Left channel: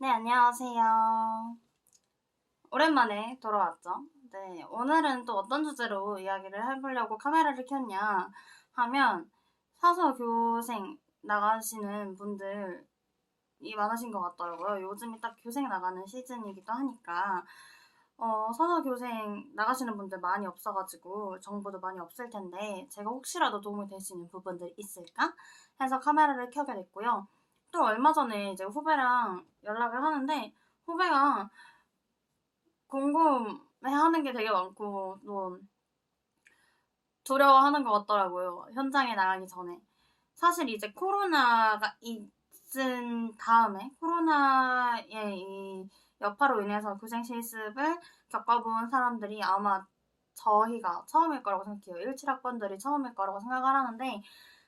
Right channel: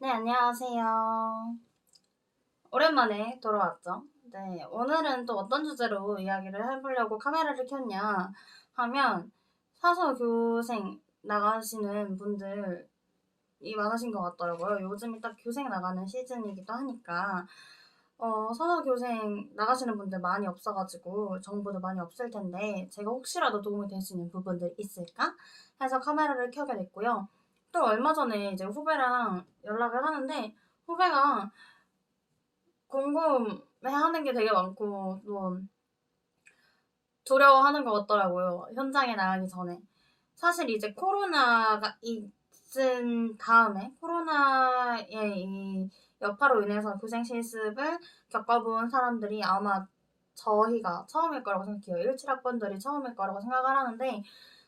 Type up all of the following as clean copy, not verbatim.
네, 안녕하세요. 오랜만에 돌아왔죠? 네, 오늘은 또 어떤 주제로 이야기를 해보려고 카메라를 켰냐 하면 사서 교생 나가시는 분들이 많으신 것 같더라고요. 요즘이 딱 교생 나가는 시즌이기도 하니까 사서 교생 나가시는 분들 많이 없어가지고 정보도 많이 없을 텐데 제가 혹시라도 도움이 될 수 있는 부분들 있을까 해서 카메라를 켜게 됐고요. 또 얼마 전에 이제 후배랑 연락을 하는데 후배가 궁금해하는 게 되게 많고 또 두려워하는 것 같더라고요. 현장에 나가기 전에. 사실 이제 코로나가 있은 다음에 코로나의 이 여파로 인해서 교생 실습을 겪어본 사람들이 아마 저희가 처음일 거라고 생각해요. 17학번들이 처음일 거라고 생각을 하는데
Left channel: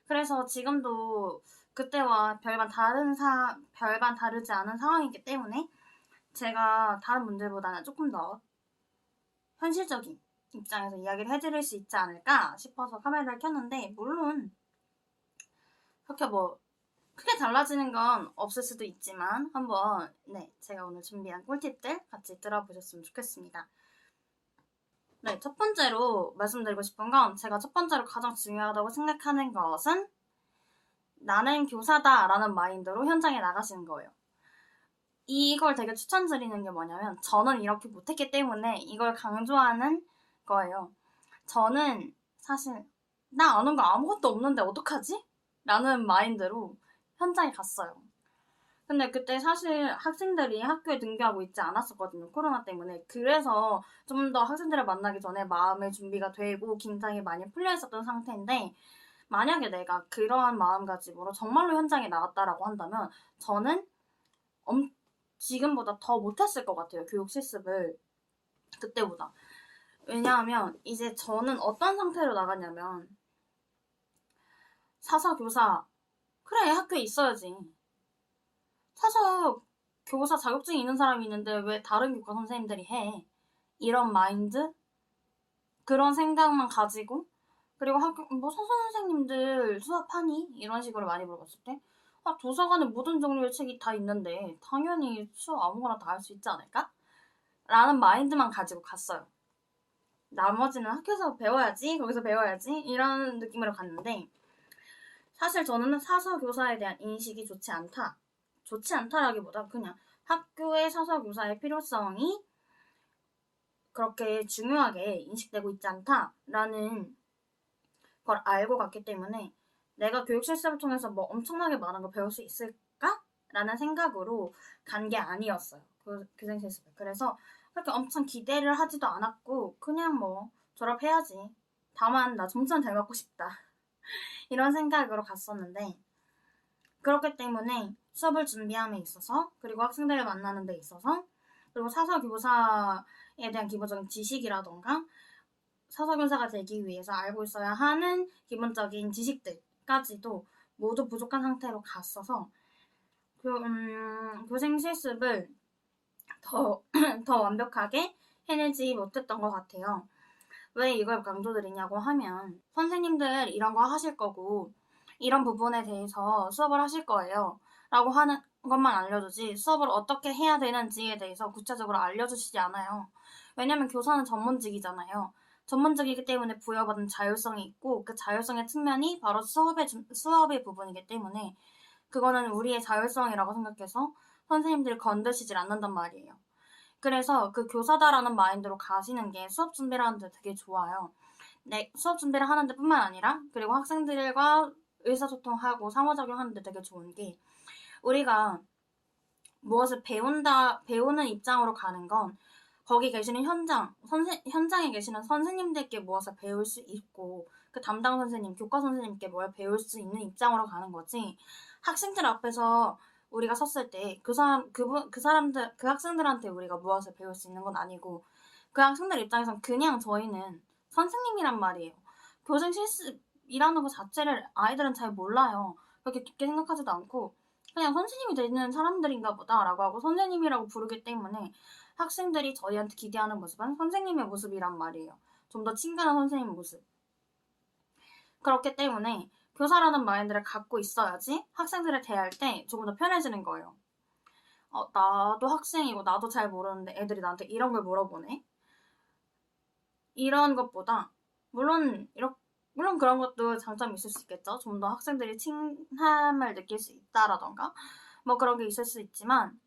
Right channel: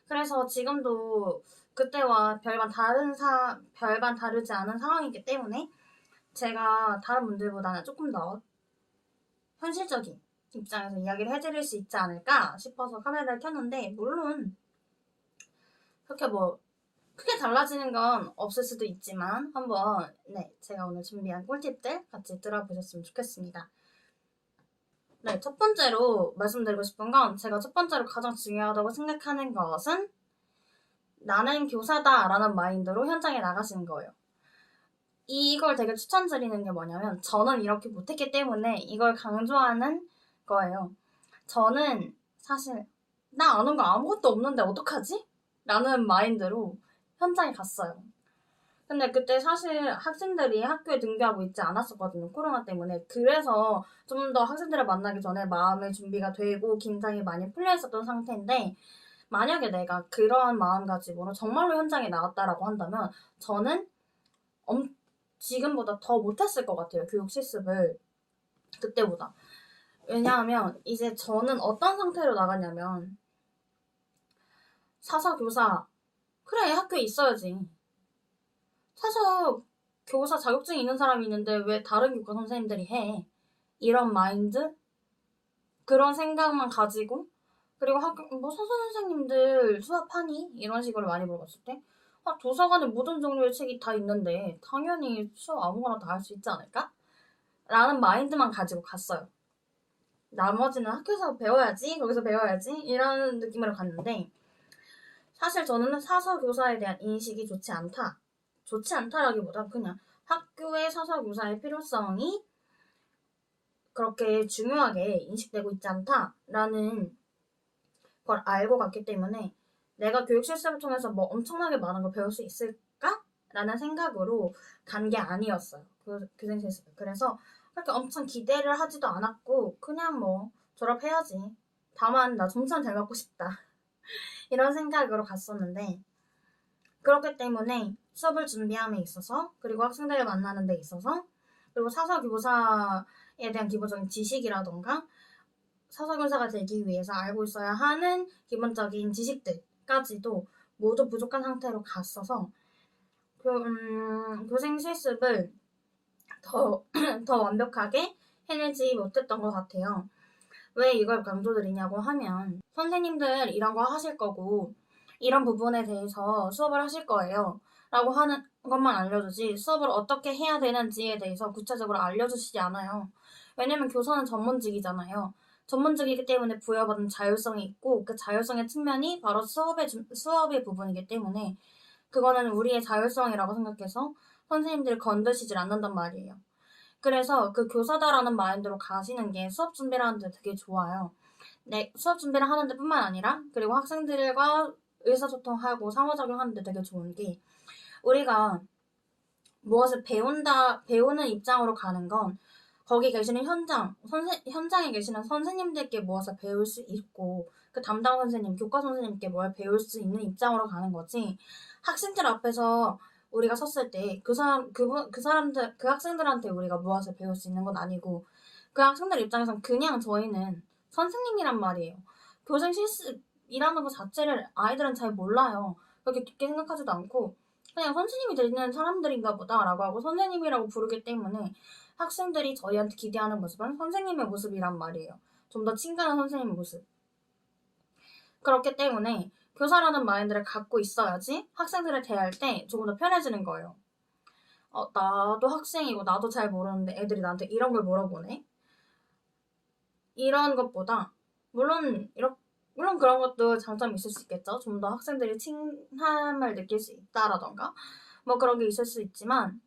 그래서 지금도 그때와 별반 다르지 않은 상황이기 때문에 제가 다른 분들보다는 조금 더 현실적인 입장에서 이야기를 해드릴 수 있지 않을까 싶어서 카메라를 켰는데 물론 그렇게 뭐 크게 달라지는 건 없을 수도 있지만 한번 제가 오늘 준비한 꿀팁들 같이 들어보셨으면 좋겠습니다. 네, 첫 번째로 말씀드리고 싶은 건 제가 첫 번째로 가장 중요하다고 생각하는 것은 나는 교사다라는 마인드로 현장에 나가시는 거예요. 이걸 되게 추천드리는 게 뭐냐면 저는 이렇게 못했기 때문에 이걸 강조하는 거예요. 저는 사실 나 아는 거 아무것도 없는데 어떡하지? 라는 마인드로 현장에 갔어요. 근데 그때 사실 학생들이 학교에 등교하고 있지 않았었거든요. 코로나 때문에. 그래서 좀 더 학생들을 만나기 전에 마음의 준비가 되고 긴장이 많이 풀려 있었던 상태인데 만약에 내가 그러한 마음가짐으로 정말로 현장에 나갔다라고 한다면 저는 엄, 지금보다 더 못했을 것 같아요. 교육 실습을 그때보다. 왜냐하면 이제 저는 어떤 상태로 나갔냐면 사서 교사 그래 학교에 있어야지. 사서 교사 자격증이 있는 사람이 있는데 왜 다른 교과 선생님들이 해? 이런 마인드? 그런 생각만 가지고 그리고 학교 뭐 선생님들 수업하니? 이런 식으로 많이 물어봤을 때 도서관에 모든 종류의 책이 다 있는데 당연히 수업 아무거나 다 할 수 있지 않을까? 라는 마인드만 가지고 갔어요. 나머지는 학교에서 배워야지, 거기서 배워야지 이런 느낌으로 갔는데 사실 저는 사서 교사에 대한 인식이 좋지 않다. 좋지 않다라기보다 그냥 학교의 사서 교사의 필요성이 그렇게 중요하게 인식되고 있지 않다라는 걸 알고 갔기 때문에 내가 교육 실습을 통해서 뭐 엄청나게 많은 걸 배울 수 있을까? 라는 생각으로 간 게 아니었어요. 그 교생 실습. 그래서 그렇게 엄청 기대를 하지도 않았고 그냥 뭐 졸업해야지. 다만 나 점수는 잘 맞고 싶다. 이런 생각으로 갔었는데 그렇기 때문에 수업을 준비함에 있어서 그리고 학생들을 만나는 데 있어서 그리고 사서 교사에 대한 기본적인 지식이라던가 사서 교사가 되기 위해서 알고 있어야 하는 기본적인 지식들까지도 모두 부족한 상태로 갔어서 교생 실습을 더, 더 완벽하게 해내지 못했던 것 같아요. 왜 이걸 강조드리냐고 하면 선생님들 이런 거 하실 거고 이런 부분에 대해서 수업을 하실 거예요. 라고 하는 것만 알려주지 수업을 어떻게 해야 되는지에 대해서 구체적으로 알려주시지 않아요. 왜냐면 교사는 전문직이잖아요. 전문직이기 때문에 부여받은 자율성이 있고 그 자율성의 측면이 바로 수업의 부분이기 때문에 그거는 우리의 자율성이라고 생각해서 선생님들이 건드시질 않는단 말이에요. 그래서 그 교사다라는 마인드로 가시는 게 수업 준비를 하는데 되게 좋아요. 네, 수업 준비를 하는데 뿐만 아니라 그리고 학생들과 의사소통하고 상호작용하는데 되게 좋은 게 우리가 무엇을 배우는 입장으로 가는 건 거기 계시는 현장에 계시는 선생님들께 무엇을 배울 수 있고 그 담당 선생님, 교과 선생님께 뭘 배울 수 있는 입장으로 가는 거지 학생들 앞에서 우리가 섰을 때 그 학생들한테 우리가 무엇을 배울 수 있는 건 아니고 그 학생들 입장에선 그냥 저희는 선생님이란 말이에요. 교생 실습이라는 것 자체를 아이들은 잘 몰라요. 그렇게 깊게 생각하지도 않고 그냥 선생님이 되는 사람들인가 보다라고 하고 선생님이라고 부르기 때문에 학생들이 저희한테 기대하는 모습은 선생님의 모습이란 말이에요. 좀 더 친근한 선생님 모습. 그렇기 때문에 교사라는 마인드를 갖고 있어야지 학생들을 대할 때 조금 더 편해지는 거예요. 나도 학생이고 나도 잘 모르는데 애들이 나한테 이런 걸 물어보네? 이런 것보다 물론 그런 것도 장점이 있을 수 있겠죠. 좀 더 학생들이 칭함을 느낄 수 있다라던가 뭐 그런 게 있을 수 있지만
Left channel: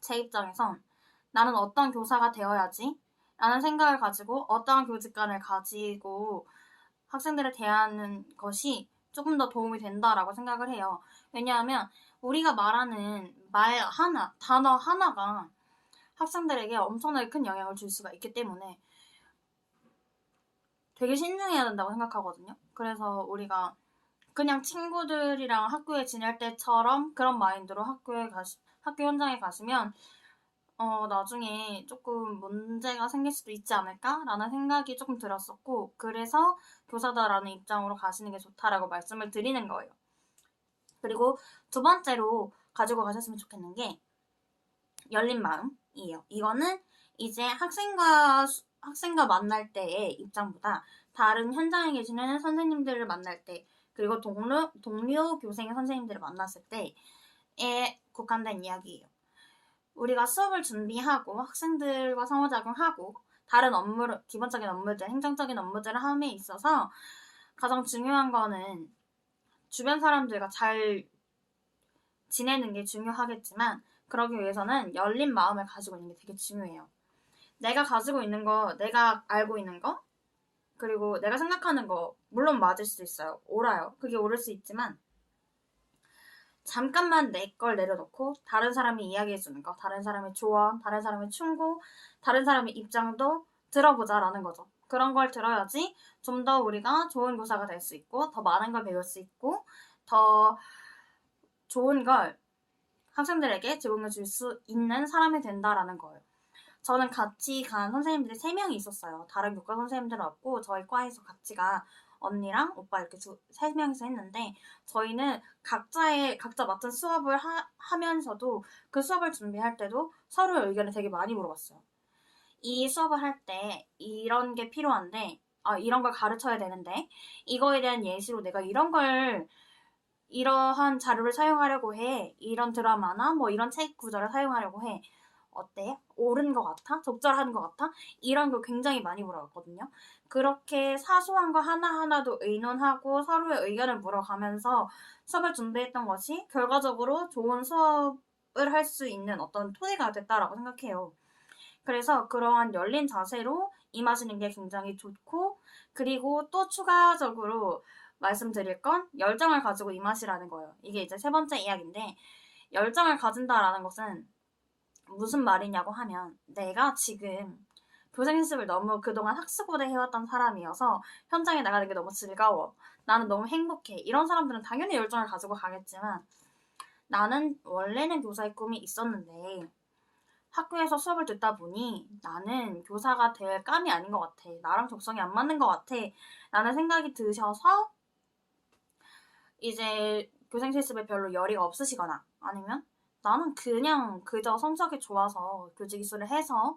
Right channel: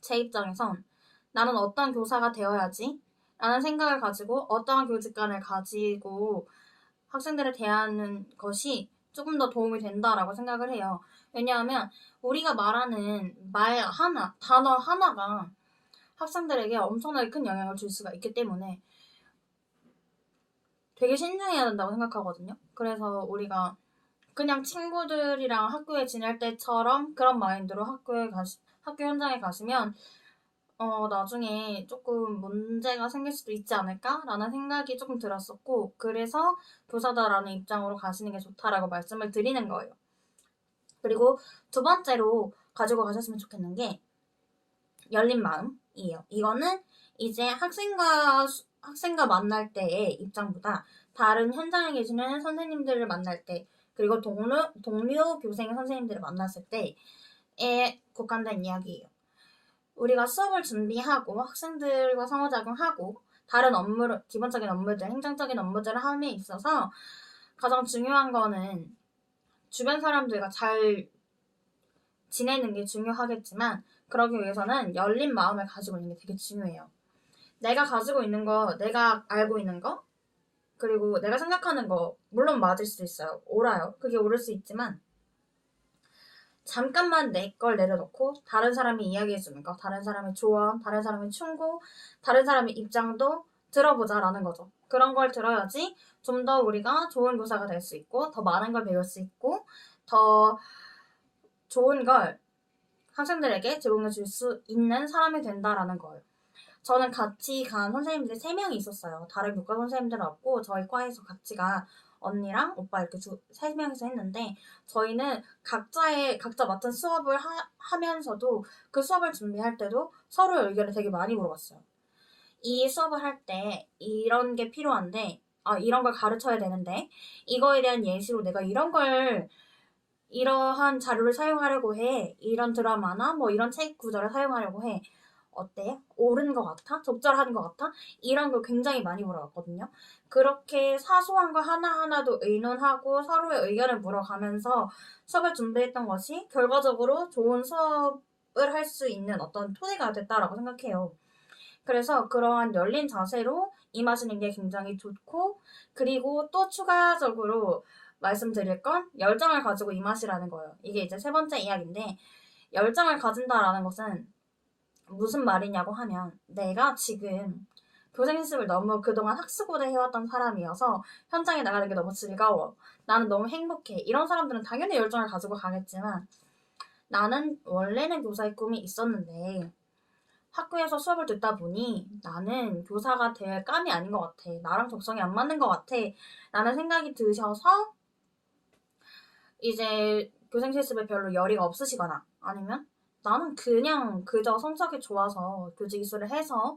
제 입장에선 나는 어떤 교사가 되어야지 라는 생각을 가지고 어떠한 교직관을 가지고 학생들을 대하는 것이 조금 더 도움이 된다라고 생각을 해요. 왜냐하면 우리가 말하는 말 하나, 단어 하나가 학생들에게 엄청나게 큰 영향을 줄 수가 있기 때문에 되게 신중해야 된다고 생각하거든요. 그래서 우리가 그냥 친구들이랑 학교에 지낼 때처럼 그런 마인드로 학교 현장에 가시면 나중에 조금 문제가 생길 수도 있지 않을까라는 생각이 조금 들었었고, 그래서 교사다라는 입장으로 가시는 게 좋다라고 말씀을 드리는 거예요. 그리고 두 번째로 가지고 가셨으면 좋겠는 게 열린 마음이에요. 이거는 이제 학생과 만날 때의 입장보다 다른 현장에 계시는 선생님들을 만날 때, 그리고 동료 교생 선생님들을 만났을 때에 국한된 이야기예요. 우리가 수업을 준비하고 학생들과 상호작용하고 다른 기본적인 업무들, 행정적인 업무들을 함에 있어서 가장 중요한 거는 주변 사람들과 잘 지내는 게 중요하겠지만 그러기 위해서는 열린 마음을 가지고 있는 게 되게 중요해요. 내가 가지고 있는 거, 내가 알고 있는 거, 그리고 내가 생각하는 거 물론 맞을 수 있어요. 옳아요. 그게 옳을 수 있지만 잠깐만 내 걸 내려놓고 다른 사람이 이야기해주는 거, 다른 사람의 조언, 다른 사람의 충고, 다른 사람의 입장도 들어보자라는 거죠. 그런 걸 들어야지 좀 더 우리가 좋은 교사가 될 수 있고 더 많은 걸 배울 수 있고 더 좋은 걸 학생들에게 제공해 줄 수 있는 사람이 된다라는 거예요. 저는 같이 간 선생님들이 3명이 있었어요. 다른 교과 선생님들은 없고 저희 과에서 같이 간 언니랑 오빠 이렇게 3명이서 했는데 저희는 각자 맡은 수업을 하면서도 그 수업을 준비할 때도 서로 의견을 되게 많이 물어봤어요. 이 수업을 할 때 이런 게 필요한데 이런 걸 가르쳐야 되는데 이거에 대한 예시로 내가 이러한 자료를 사용하려고 해. 이런 드라마나 뭐 이런 책 구조를 사용하려고 해. 어때? 옳은 것 같아? 적절한 것 같아? 이런 걸 굉장히 많이 물어봤거든요. 그렇게 사소한 거 하나하나도 의논하고 서로의 의견을 물어가면서 수업을 준비했던 것이 결과적으로 좋은 수업을 할 수 있는 어떤 토대가 됐다라고 생각해요. 그래서 그러한 열린 자세로 임하시는 게 굉장히 좋고, 그리고 또 추가적으로 말씀드릴 건 열정을 가지고 임하시라는 거예요. 이게 이제 세 번째 이야기인데, 열정을 가진다라는 것은 무슨 말이냐고 하면 내가 지금 교생 연습을 너무 그동안 학습고대 해왔던 사람이어서 현장에 나가는 게 너무 즐거워. 나는 너무 행복해. 이런 사람들은 당연히 열정을 가지고 가겠지만 나는 원래는 교사의 꿈이 있었는데 학교에서 수업을 듣다 보니 나는 교사가 될 감이 아닌 것 같아. 나랑 적성이 안 맞는 것 같아. 라는 생각이 드셔서 이제 교생 실습에 별로 열의가 없으시거나 아니면 나는 그냥 그저 성적이 좋아서 교직 이수를 해서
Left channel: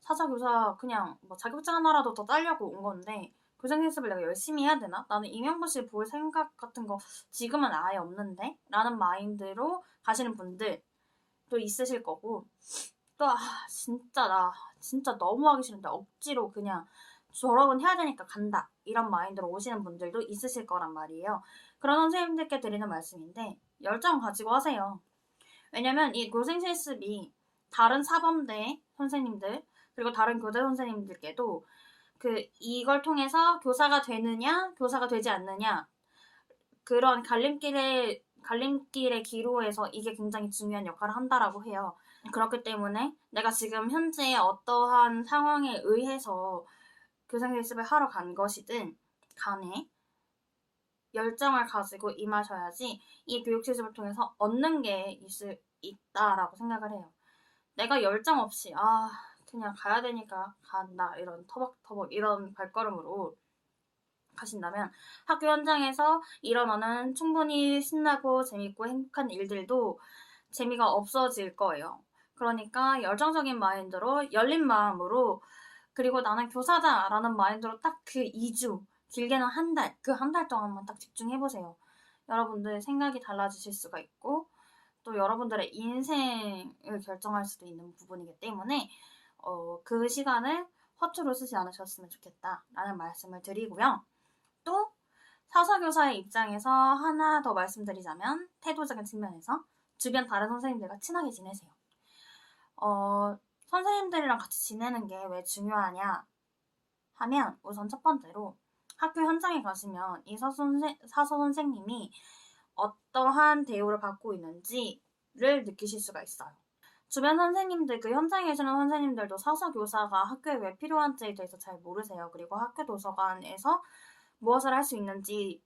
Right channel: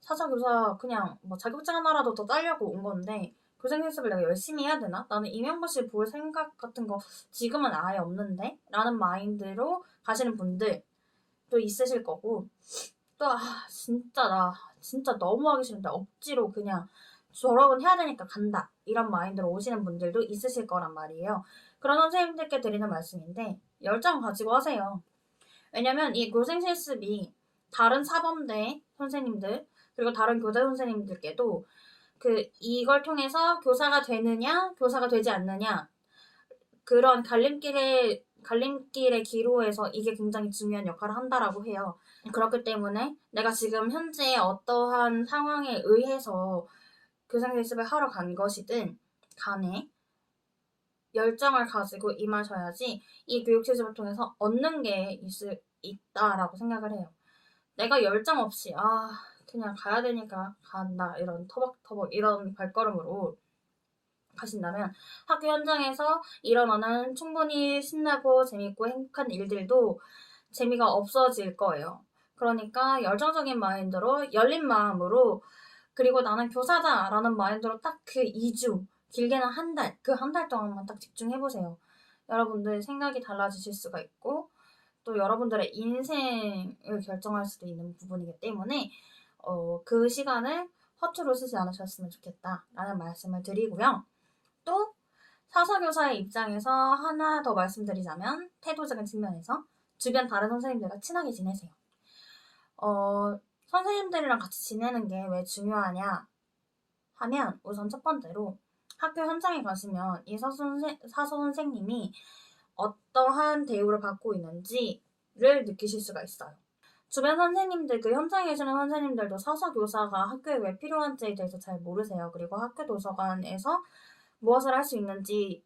사자교사 그냥 뭐 자격증 하나라도 더 따려고 온 건데 교생 실습을 내가 열심히 해야 되나? 나는 임용고시 볼 생각 같은 거 지금은 아예 없는데? 라는 마인드로 가시는 분들도 있으실 거고 또 진짜 너무 하기 싫은데 억지로 그냥 졸업은 해야 되니까 간다 이런 마인드로 오시는 분들도 있으실 거란 말이에요. 그런 선생님들께 드리는 말씀인데 열정 가지고 하세요. 왜냐면 이 교생 실습이 다른 사범대 선생님들 그리고 다른 교대 선생님들께도 이걸 통해서 교사가 되느냐 교사가 되지 않느냐 그런 갈림길의 기로에서 이게 굉장히 중요한 역할을 한다라고 해요. 그렇기 때문에 내가 지금 현재 어떠한 상황에 의해서 교생 실습을 하러 간 것이든 간에 열정을 가지고 임하셔야지 이 교육 실습을 통해서 얻는 게 있다라고 생각을 해요. 내가 열정 없이 그냥 가야 되니까 간다 이런 터벅터벅 이런 발걸음으로 가신다면 학교 현장에서 일어나는 충분히 신나고 재밌고 행복한 일들도 재미가 없어질 거예요. 그러니까 열정적인 마인드로 열린 마음으로 그리고 나는 교사다라는 마인드로 딱 그 2주 길게는 한 달, 그 한 달 동안만 딱 집중해보세요. 여러분들 생각이 달라지실 수가 있고 또 여러분들의 인생을 결정할 수도 있는 부분이기 때문에 그 시간을 허투루 쓰지 않으셨으면 좋겠다라는 말씀을 드리고요. 또 사서교사의 입장에서 하나 더 말씀드리자면 태도적인 측면에서 주변 다른 선생님들과 친하게 지내세요. 선생님들이랑 같이 지내는 게 왜 중요하냐 하면 우선 첫 번째로 학교 현장에 가시면 이 사서 선생님이 어떠한 대우를 받고 있는지를 느끼실 수가 있어요. 주변 선생님들, 그 현장에 계시는 선생님들도 사서 교사가 학교에 왜 필요한지에 대해서 잘 모르세요. 그리고 학교 도서관에서 무엇을 할 수 있는지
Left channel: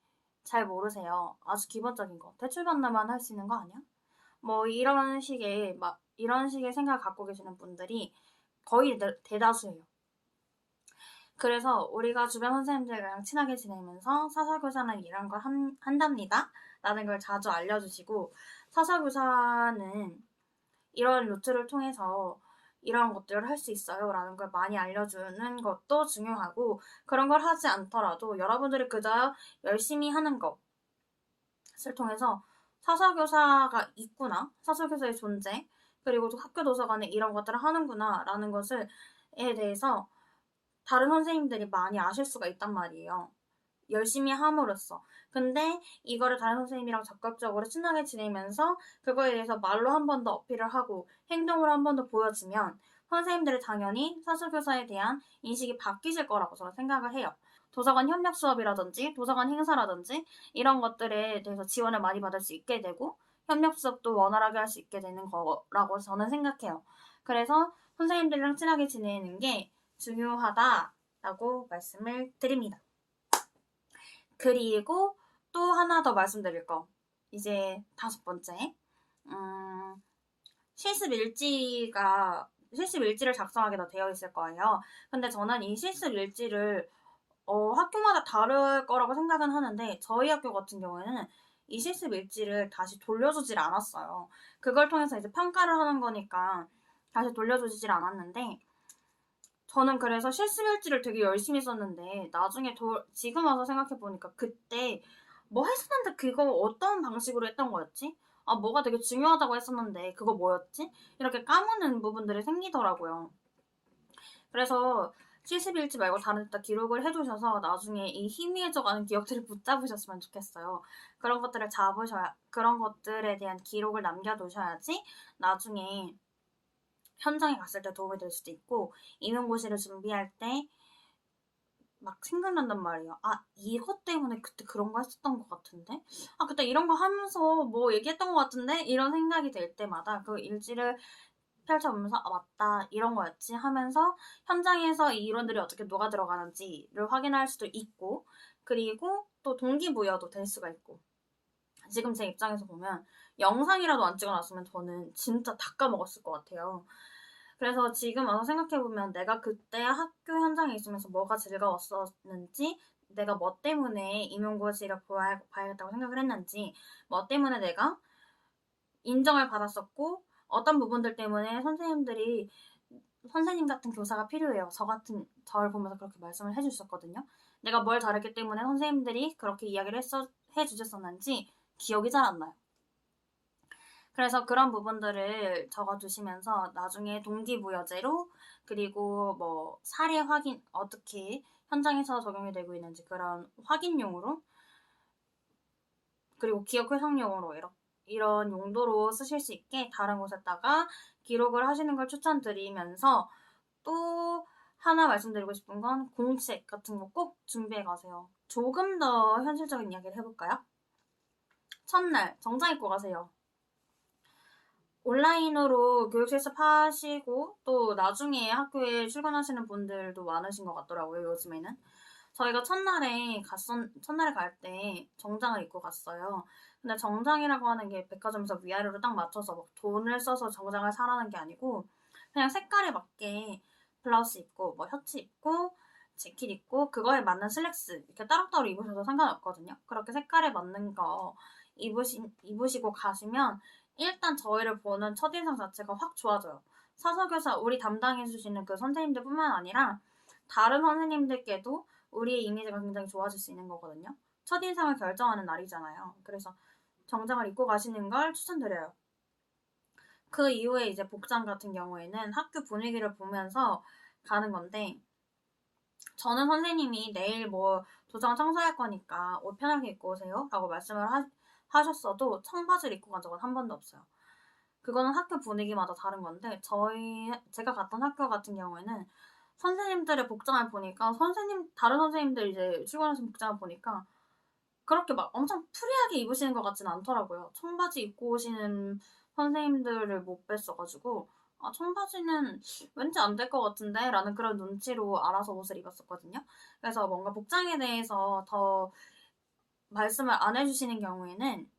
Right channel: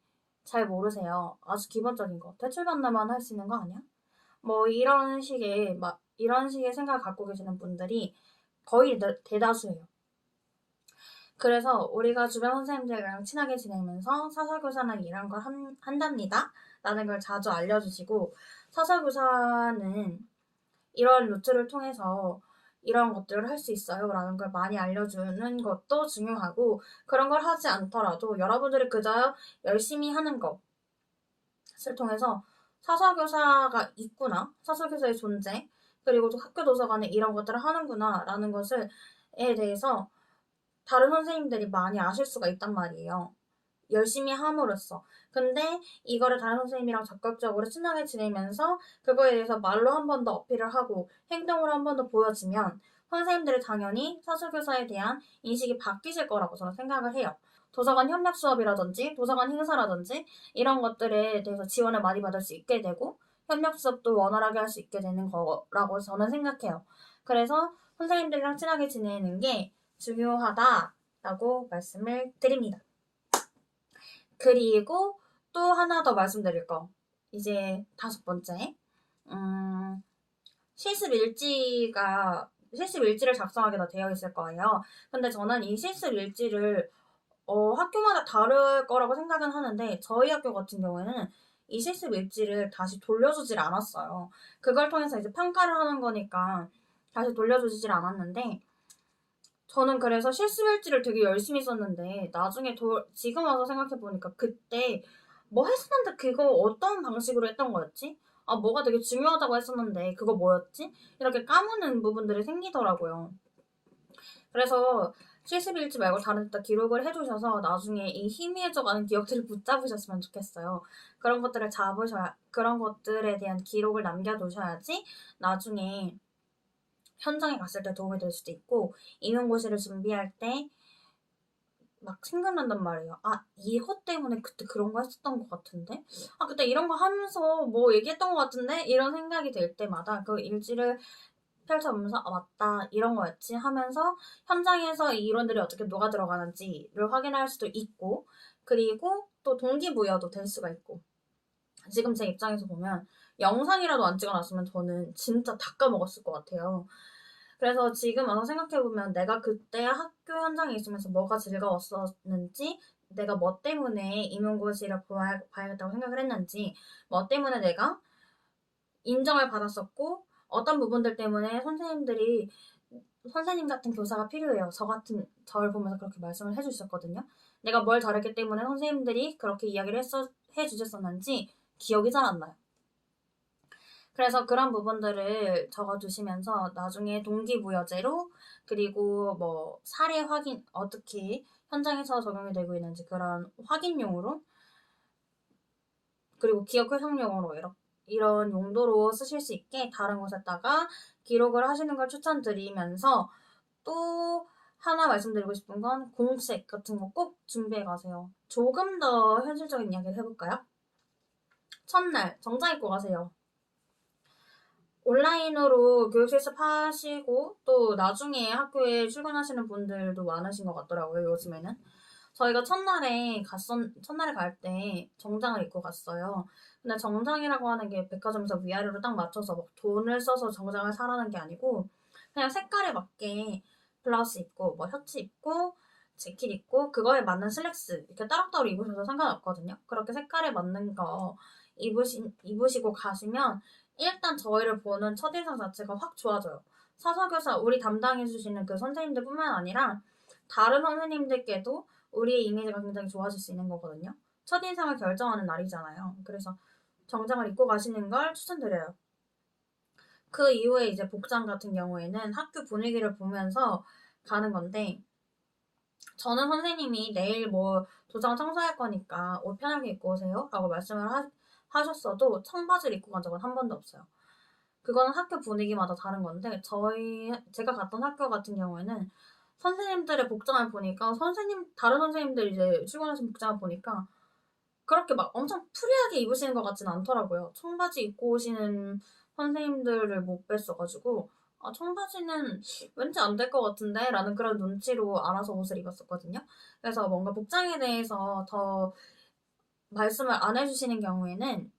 잘 모르세요. 아주 기본적인 거. 대출받나만 할 수 있는 거 아니야? 뭐 이런 식의 생각을 갖고 계시는 분들이 거의 대다수예요. 그래서 우리가 주변 선생님들이랑 친하게 지내면서 사서교사는 이런 걸 한답니다. 라는 걸 자주 알려주시고, 사서교사는 이런 루트를 통해서 이런 것들을 할 수 있어요 라는 걸 많이 알려주는 것도 중요하고, 그런 걸 하지 않더라도 여러분들이 그저 열심히 하는 것을 통해서 사서교사가 있구나, 사서교사의 존재, 그리고 또 학교 도서관에 이런 것들을 하는구나 라는 것에 대해서 다른 선생님들이 많이 아실 수가 있단 말이에요. 열심히 함으로써. 근데 이거를 다른 선생님이랑 적극적으로 친하게 지내면서 그거에 대해서 말로 한 번 더 어필을 하고 행동으로 한 번 더 보여주면 선생님들이 당연히 사서교사에 대한 인식이 바뀌실 거라고 저는 생각을 해요. 도서관 협력 수업이라든지 도서관 행사라든지 이런 것들에 대해서 지원을 많이 받을 수 있게 되고 협력 수업도 원활하게 할 수 있게 되는 거라고 저는 생각해요. 그래서 선생님들이랑 친하게 지내는 게 중요하다라고 말씀을 드립니다. 그리고 또 하나 더 말씀드릴 거. 이제 5번째. 실습일지를 작성하게 다 되어 있을 거예요. 근데 저는 이 실습일지를 학교마다 다를 거라고 생각은 하는데 저희 학교 같은 경우에는 이 실습일지를 다시 돌려주질 않았어요. 그걸 통해서 이제 평가를 하는 거니까 다시 돌려주질 않았는데 저는 그래서 실습일지를 되게 열심히 썼는데 나중에 지금 와서 생각해보니까 그때 뭐 했었는데 그거 어떤 방식으로 했던 거였지? 아, 뭐가 되게 중요하다고 했었는데 그거 뭐였지? 이렇게 까먹는 부분들이 생기더라고요. 그래서 실습일지 말고 다른 데다 기록을 해두셔서 나중에 이 희미해져가는 기억들을 붙잡으셨으면 좋겠어요. 그런 것들에 대한 기록을 남겨두셔야지 나중에 현장에 갔을 때 도움이 될 수도 있고 임용고시를 준비할 때 막 생각난단 말이에요. 아, 이거 때문에 그때 그런 거 했었던 것 같은데? 아, 그때 이런 거 하면서 뭐 얘기했던 것 같은데? 이런 생각이 들 때마다 그 일지를 펼쳐보면서 아, 맞다, 이런 거였지 하면서 현장에서 이 이론들이 어떻게 녹아 들어가는지를 확인할 수도 있고, 그리고 또 동기부여도 될 수가 있고. 지금 제 입장에서 보면 영상이라도 안 찍어놨으면 저는 진짜 다 까먹었을 것 같아요. 그래서 지금 와서 생각해보면 내가 그때 학교 현장에 있으면서 뭐가 즐거웠었는지, 내가 뭐 때문에 임용고시를 봐야겠다고 생각을 했는지, 뭐 때문에 내가 인정을 받았었고, 어떤 부분들 때문에 선생님 같은 교사가 필요해요. 저를 보면서 그렇게 말씀을 해주셨거든요. 내가 뭘 다르기 때문에 선생님들이 그렇게 이야기를 해주셨었는지 기억이 잘 안 나요. 그래서 그런 부분들을 적어두시면서 나중에 동기부여제로, 그리고 뭐 사례 확인, 어떻게 현장에서 적용이 되고 있는지 그런 확인용으로, 그리고 기억 회상용으로 이런 용도로 쓰실 수 있게 다른 곳에다가 기록을 하시는 걸 추천드리면서, 또 하나 말씀드리고 싶은 건 공책 같은 거 꼭 준비해 가세요. 조금 더 현실적인 이야기를 해볼까요? 첫날 정장 입고 가세요. 온라인으로 교육 실습하시고 또 나중에 학교에 출근하시는 분들도 많으신 것 같더라고요, 요즘에는. 저희가 첫날에 갈 때 정장을 입고 갔어요. 근데 정장이라고 하는 게 백화점에서 위아래로 딱 맞춰서 막 돈을 써서 정장을 사라는 게 아니고 그냥 색깔에 맞게 블라우스 입고 뭐 셔츠 입고 재킷 입고 그거에 맞는 슬랙스 이렇게 따로따로 입으셔도 상관없거든요. 그렇게 색깔에 맞는 거 입으시고 가시면 일단 저희를 보는 첫인상 자체가 확 좋아져요. 사서교사 우리 담당해주시는 그 선생님들뿐만 아니라 다른 선생님들께도 우리의 이미지가 굉장히 좋아질 수 있는 거거든요. 첫인상을 결정하는 날이잖아요. 그래서 정장을 입고 가시는 걸 추천드려요. 그 이후에 이제 복장 같은 경우에는 학교 분위기를 보면서 가는 건데, 저는 선생님이 내일 뭐 도장 청소할 거니까 옷 편하게 입고 오세요 라고 말씀을 하셨어도 청바지를 입고 간 적은 한 번도 없어요. 그거는 학교 분위기마다 다른 건데, 제가 갔던 학교 같은 경우에는 선생님들의 복장을 보니까, 다른 선생님들 이제 출근하신 복장을 보니까 그렇게 막 엄청 프리하게 입으시는 것 같지는 않더라고요. 청바지 입고 오시는 선생님들을 못 뵀어가지고, 아, 청바지는 왠지 안 될 것 같은데? 라는 그런 눈치로 알아서 옷을 입었었거든요. 그래서 뭔가 복장에 대해서 더 말씀을 안 해주시는 경우에는,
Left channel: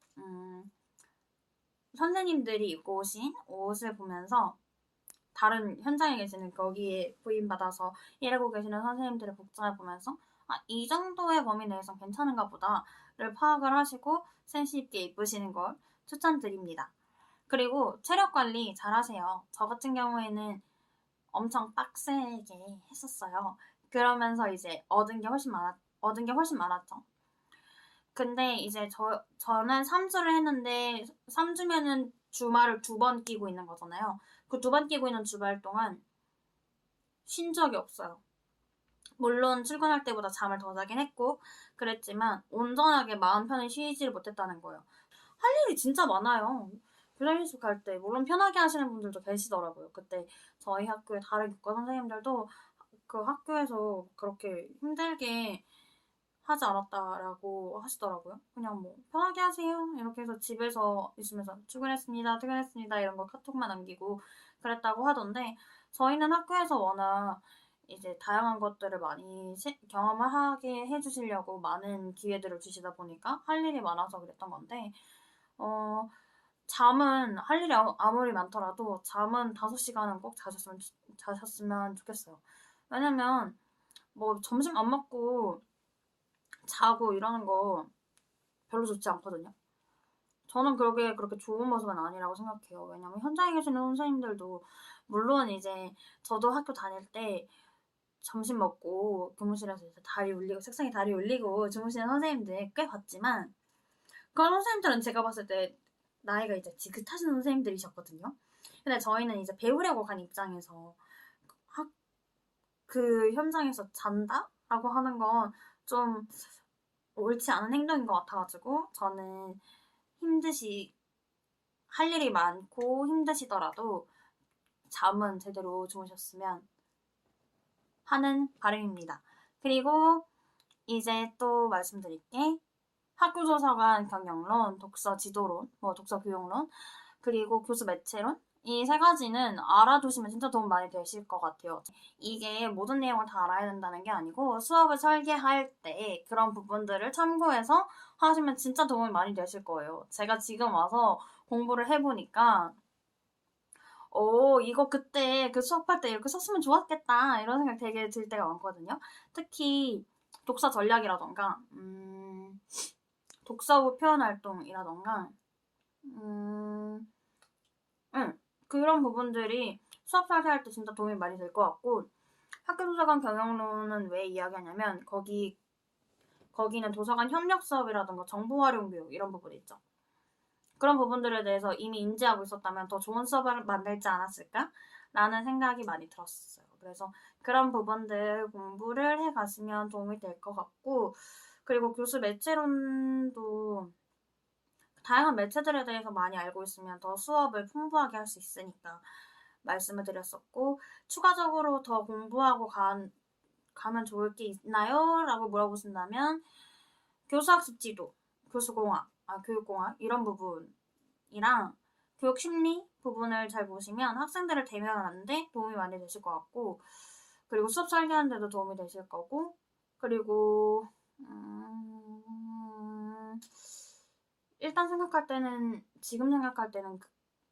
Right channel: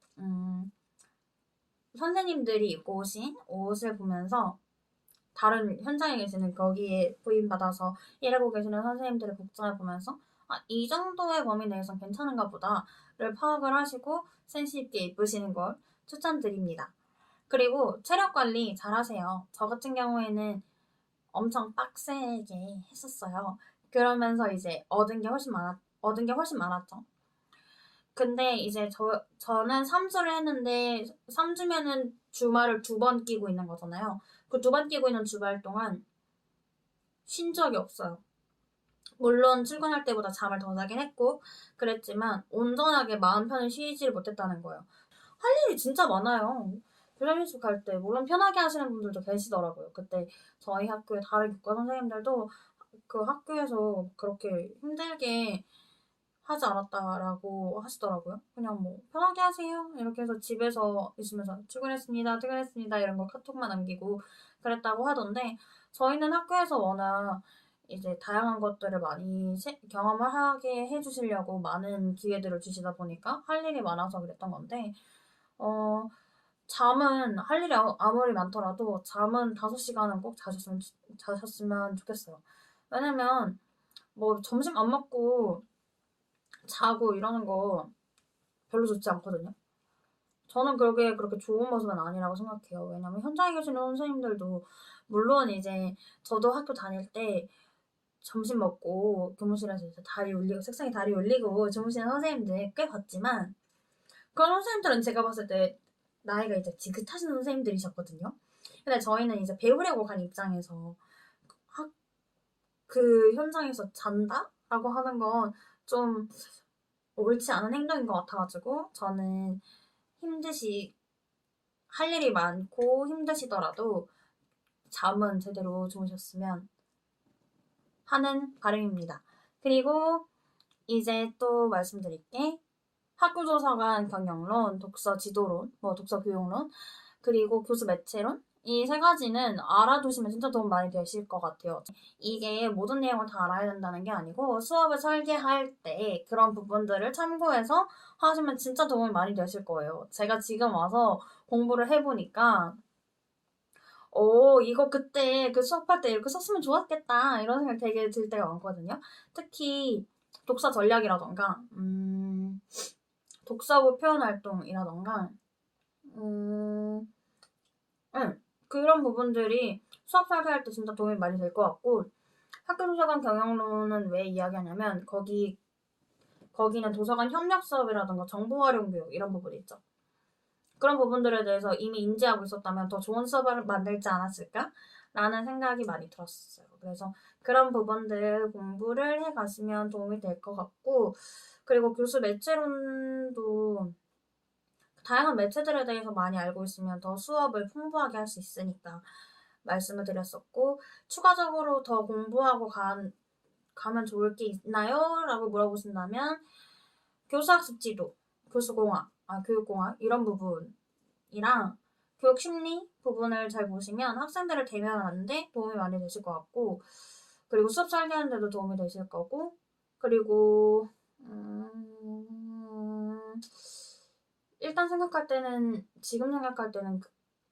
선생님들이 입고 오신 옷을 보면서 다른 현장에 계시는 거기에 부임받아서 일하고 계시는 선생님들의 복장을 보면서 아, 이 정도의 범위 내에서 괜찮은가 보다를 파악을 하시고 센스 있게 입으시는 걸 추천드립니다. 그리고 체력 관리 잘 하세요. 저 같은 경우에는 엄청 빡세게 했었어요. 그러면서 이제 얻은 게 훨씬 많았죠. 근데 이제 저는 3주를 했는데 3주면은 주말을 2번 끼고 있는 거잖아요. 그 2번 끼고 있는 주말 동안 쉰 적이 없어요. 물론 출근할 때보다 잠을 더 자긴 했고 그랬지만 온전하게 마음 편히 쉬지를 못했다는 거예요. 할 일이 진짜 많아요. 교장실습 갈 때 물론 편하게 하시는 분들도 계시더라고요. 그때 저희 학교의 다른 교과 선생님들도 그 학교에서 그렇게 힘들게 하지 않았다라고 하시더라고요. 그냥 뭐 편하게 하세요 이렇게 해서 집에서 있으면서 출근했습니다 이런 거 카톡만 남기고 그랬다고 하던데, 저희는 학교에서 워낙 이제 다양한 것들을 많이 경험을 하게 해주시려고 많은 기회들을 주시다 보니까 할 일이 많아서 그랬던 건데, 잠은 할 일이 아무리 많더라도 잠은 5시간은 꼭 자셨으면 좋겠어요. 왜냐면 뭐 점심 안 먹고 자고 이러는 거 별로 좋지 않거든요. 저는 그게 그렇게 좋은 모습은 아니라고 생각해요. 왜냐면 현장에 계시는 선생님들도 물론 이제 저도 학교 다닐 때 점심 먹고 교무실에서 이제 책상에 다리 올리고 주무시는 선생님들 꽤 봤지만, 그런 선생님들은 제가 봤을 때 나이가 이제 지긋하신 선생님들이셨거든요. 근데 저희는 이제 배우려고 간 입장에서 그 현장에서 잔다? 라고 하는 건 좀 옳지 않은 행동인 것 같아가지고, 저는 할 일이 많고 힘드시더라도 잠은 제대로 주무셨으면 하는 바람입니다. 그리고 이제 또 말씀드릴게, 학교도서관 경영론, 독서 지도론, 독서 교육론, 그리고 교수 매체론, 이 3가지는 알아두시면 진짜 도움 많이 되실 것 같아요. 이게 모든 내용을 다 알아야 된다는 게 아니고 수업을 설계할 때 그런 부분들을 참고해서 하시면 진짜 도움이 많이 되실 거예요. 제가 지금 와서 공부를 해보니까 이거 그때 그 수업할 때 이렇게 썼으면 좋았겠다 이런 생각 되게 들 때가 많거든요. 특히 독서 전략이라던가 독서부 표현 활동이라던가 그런 부분들이 수업 설계할 때 진짜 도움이 많이 될 것 같고, 학교도서관 경영론은 왜 이야기하냐면 거기는 도서관 협력 수업이라던가 정보 활용 교육 이런 부분이 있죠. 그런 부분들에 대해서 이미 인지하고 있었다면 더 좋은 수업을 만들지 않았을까? 라는 생각이 많이 들었어요. 그래서 그런 부분들 공부를 해가시면 도움이 될 것 같고, 그리고 교수 매체론도 다양한 매체들에 대해서 많이 알고 있으면 더 수업을 풍부하게 할 수 있으니까 말씀을 드렸었고, 추가적으로 더 공부하고 가면 좋을 게 있나요? 라고 물어보신다면 교수학습 지도, 교육공학 이런 부분이랑 교육심리 부분을 잘 보시면 학생들을 대면하는데 도움이 많이 되실 것 같고, 그리고 수업 설계하는 데도 도움이 되실 거고, 그리고 일단 지금 생각할 때는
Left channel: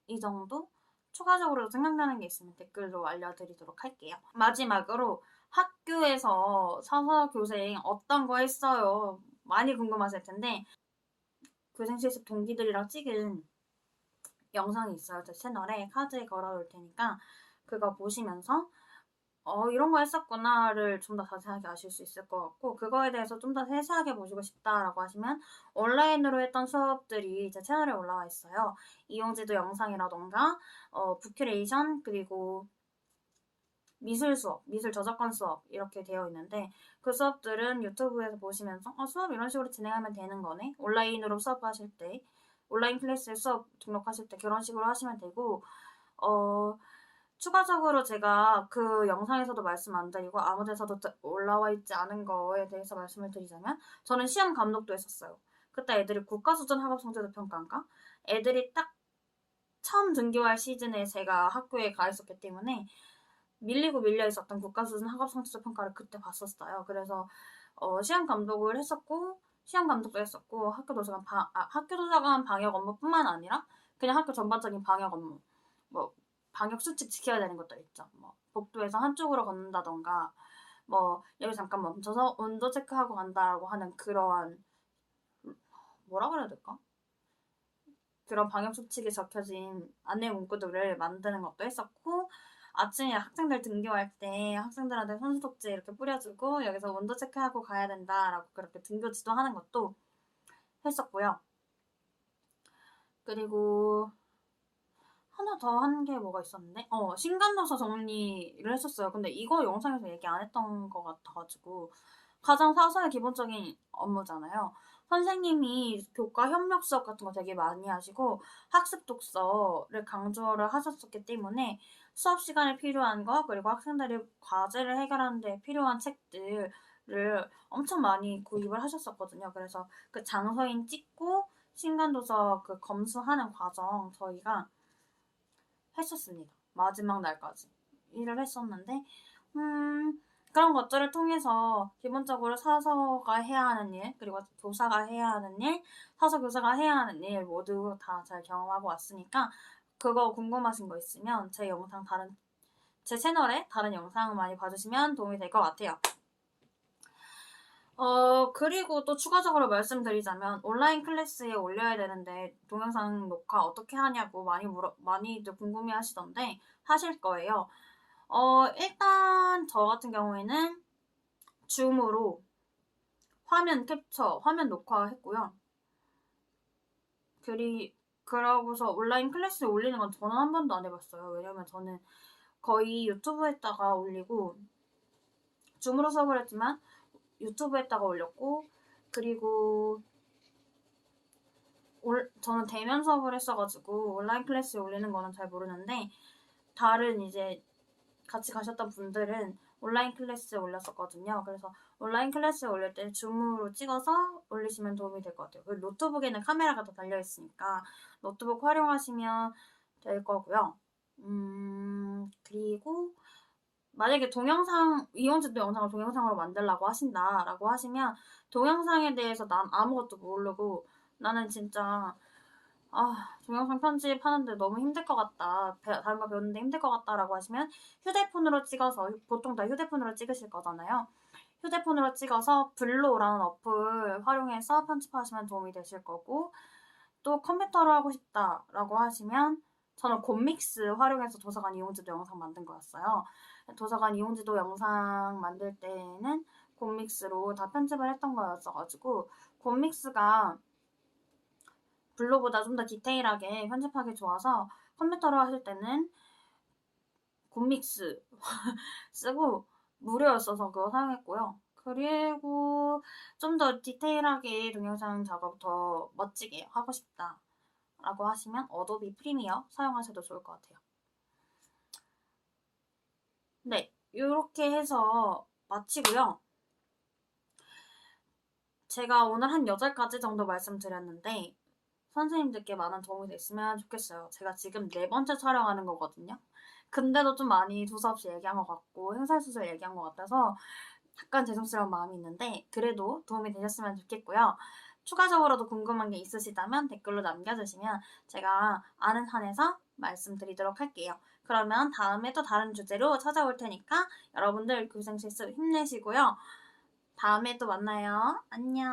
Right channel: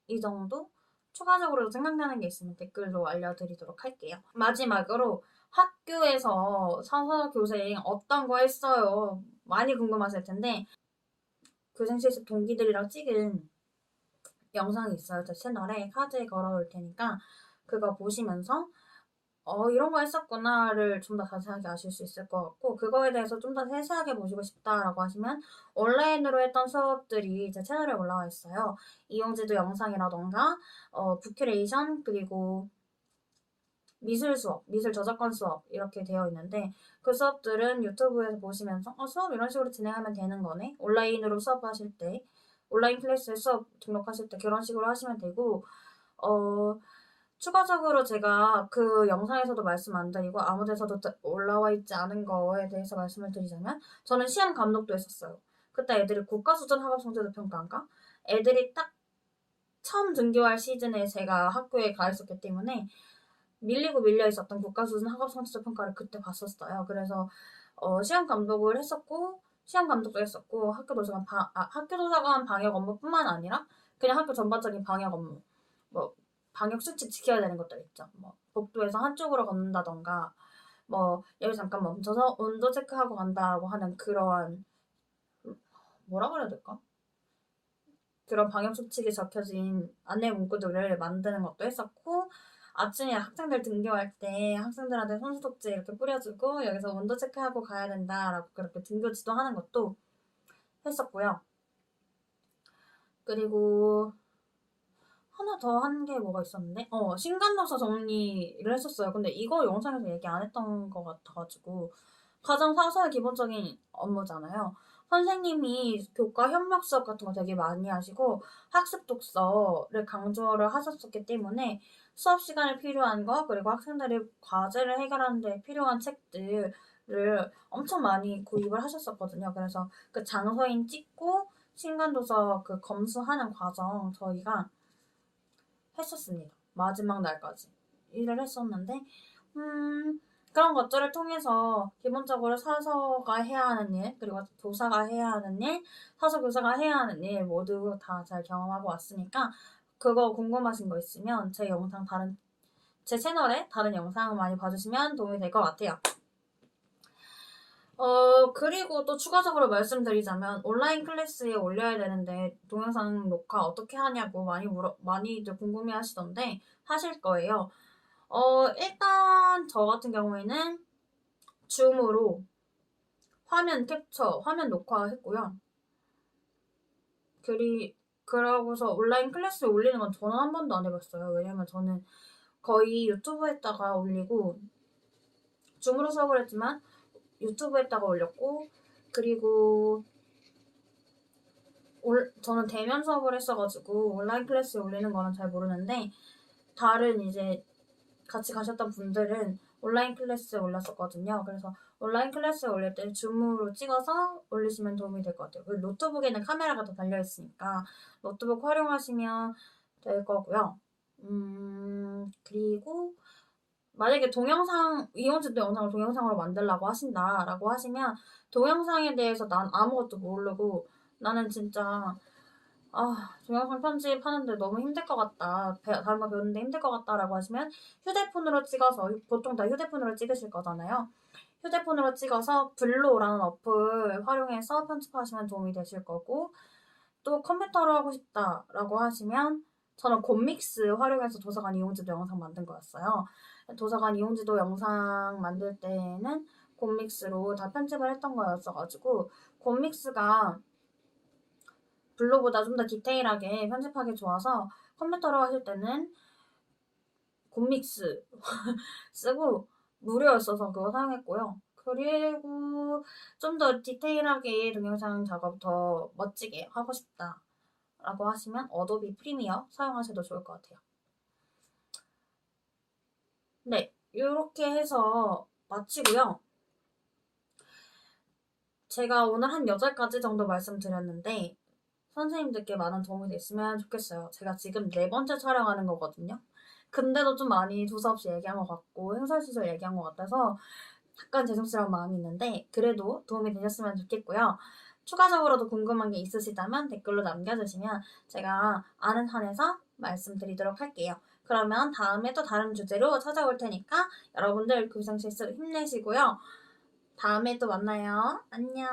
이 정도? 추가적으로 생각나는 게 있으면 댓글로 알려드리도록 할게요. 마지막으로 학교에서 서서 교생 어떤 거 했어요? 많이 궁금하실 텐데, 교생실습 동기들이랑 찍은 영상이 있어요. 제 채널에 카드에 걸어놓을 테니까 그거 보시면서 이런 거 했었구나를 좀 더 자세하게 아실 수 있을 것 같고, 그거에 대해서 좀 더 세세하게 보시고 싶다라고 하시면 온라인으로 했던 수업들이 제 채널에 올라와 있어요. 이용지도 영상이라던가 부큐레이션, 그리고 미술 수업, 미술 저작권 수업 이렇게 되어 있는데, 그 수업들은 유튜브에서 보시면서 수업 이런 식으로 진행하면 되는 거네. 온라인으로 수업하실 때, 온라인 클래스에 수업 등록하실 때 그런 식으로 하시면 되고, 추가적으로 제가 그 영상에서도 말씀 안 드리고 아무 데서도 올라와 있지 않은 거에 대해서 말씀을 드리자면, 저는 시험 감독도 했었어요. 그때 애들이 국가수준 학업성취도 평가인가? 애들이 딱 처음 등교할 시즌에 제가 학교에 가 있었기 때문에 밀리고 밀려 있었던 국가수준 학업성취도 평가를 그때 봤었어요. 그래서 시험 감독을 했었고, 시험 감독도 했었고, 학교도서관 방역 업무뿐만 아니라 그냥 학교 전반적인 방역 업무, 뭐 방역 수칙 지켜야 되는 것들 있죠. 뭐 복도에서 한쪽으로 걷는다던가, 뭐 여기 잠깐 멈춰서 온도 체크하고 간다라고 하는 그러한, 뭐라고 해야 될까? 그런 방역 수칙이 적혀진 안내 문구들을 만드는 것도 했었고, 아침에 학생들 등교할 때 학생들한테 손소독제 이렇게 뿌려주고 여기서 온도 체크하고 가야 된다라고 그렇게 등교 지도하는 것도 했었고요. 그리고 하나 더 한 게 뭐가 있었는데, 신간도서 정리를 했었어요. 근데 이거 영상에서 얘기 안 했던 것 같아가지고, 가장 사소한 기본적인 업무잖아요. 선생님이 교과 협력 수업 같은 거 되게 많이 하시고 학습 독서를 강조를 하셨었기 때문에 수업 시간에 필요한 거, 그리고 학생들이 과제를 해결하는 데 필요한 책들을 엄청 많이 구입을 하셨었거든요. 그래서 그 장서인 찍고 신간도서 그 검수하는 과정 저희가 했었습니다. 마지막 날까지 일을 했었는데, 그런 것들을 통해서 기본적으로 사서가 해야 하는 일, 그리고 교사가 해야 하는 일, 사서 교사가 해야 하는 일 모두 다 잘 경험하고 왔으니까, 그거 궁금하신 거 있으면 제 채널에 다른 영상 많이 봐주시면 도움이 될 것 같아요. 그리고 또 추가적으로 말씀드리자면, 온라인 클래스에 올려야 되는데 동영상 녹화 어떻게 하냐고 많이들 궁금해 하시던데 하실 거예요. 일단 저 같은 경우에는 줌으로 화면 캡처, 화면 녹화했고요. 그러고서 온라인 클래스에 올리는 건 저는 한 번도 안 해봤어요. 왜냐면 저는 거의 유튜브에다가 올리고, 줌으로 수업을 했지만 유튜브에다가 올렸고, 그리고 저는 대면 수업을 했어가지고 온라인 클래스에 올리는 거는 잘 모르는데, 다른 이제 같이 가셨던 분들은 온라인 클래스에 올렸었거든요. 그래서 온라인 클래스에 올릴 때 줌으로 찍어서 올리시면 도움이 될 것 같아요. 그리고 노트북에는 카메라가 더 달려있으니까 노트북 활용하시면 될 거고요. 그리고 만약에 이용지도 영상을 동영상으로 만들라고 하신다라고 하시면, 동영상에 대해서 난 아무것도 모르고 나는 진짜 동영상 편집하는데 너무 힘들 것 같다, 다른 거 배우는데 힘들 것 같다라고 하시면 휴대폰으로 찍어서, 보통 다 휴대폰으로 찍으실 거잖아요. 휴대폰으로 찍어서 블로라는 어플 활용해서 편집하시면 도움이 되실 거고, 또 컴퓨터로 하고 싶다라고 하시면 저는 곰믹스 활용해서 도서관 이용지도 영상 만든 거였어요. 도서관 이용지도 영상 만들 때는 곰믹스로 다 편집을 했던 거였어가지고, 곰믹스가 블로보다 좀 더 디테일하게 편집하기 좋아서 컴퓨터로 하실 때는 곰믹스 쓰고 무료였어서 그거 사용했고요. 그리고 좀 더 디테일하게 동영상 작업 더 멋지게 하고 싶다 라고 하시면 어도비 프리미어 사용하셔도 좋을 것 같아요. 네, 이렇게 해서 마치고요. 제가 오늘 한 8가지 정도 말씀드렸는데 선생님들께 많은 도움이 됐으면 좋겠어요. 제가 지금 4번째 촬영하는 거거든요. 근데도 좀 많이 두서없이 얘기한 것 같고 횡설수설 얘기한 것 같아서 약간 죄송스러운 마음이 있는데, 그래도 도움이 되셨으면 좋겠고요. 추가적으로도 궁금한 게 있으시다면 댓글로 남겨주시면 제가 아는 한에서 말씀드리도록 할게요. 그러면 다음에 또 다른 주제로 찾아올 테니까 여러분들 교생 실습 힘내시고요. 다음에 또 만나요. 안녕.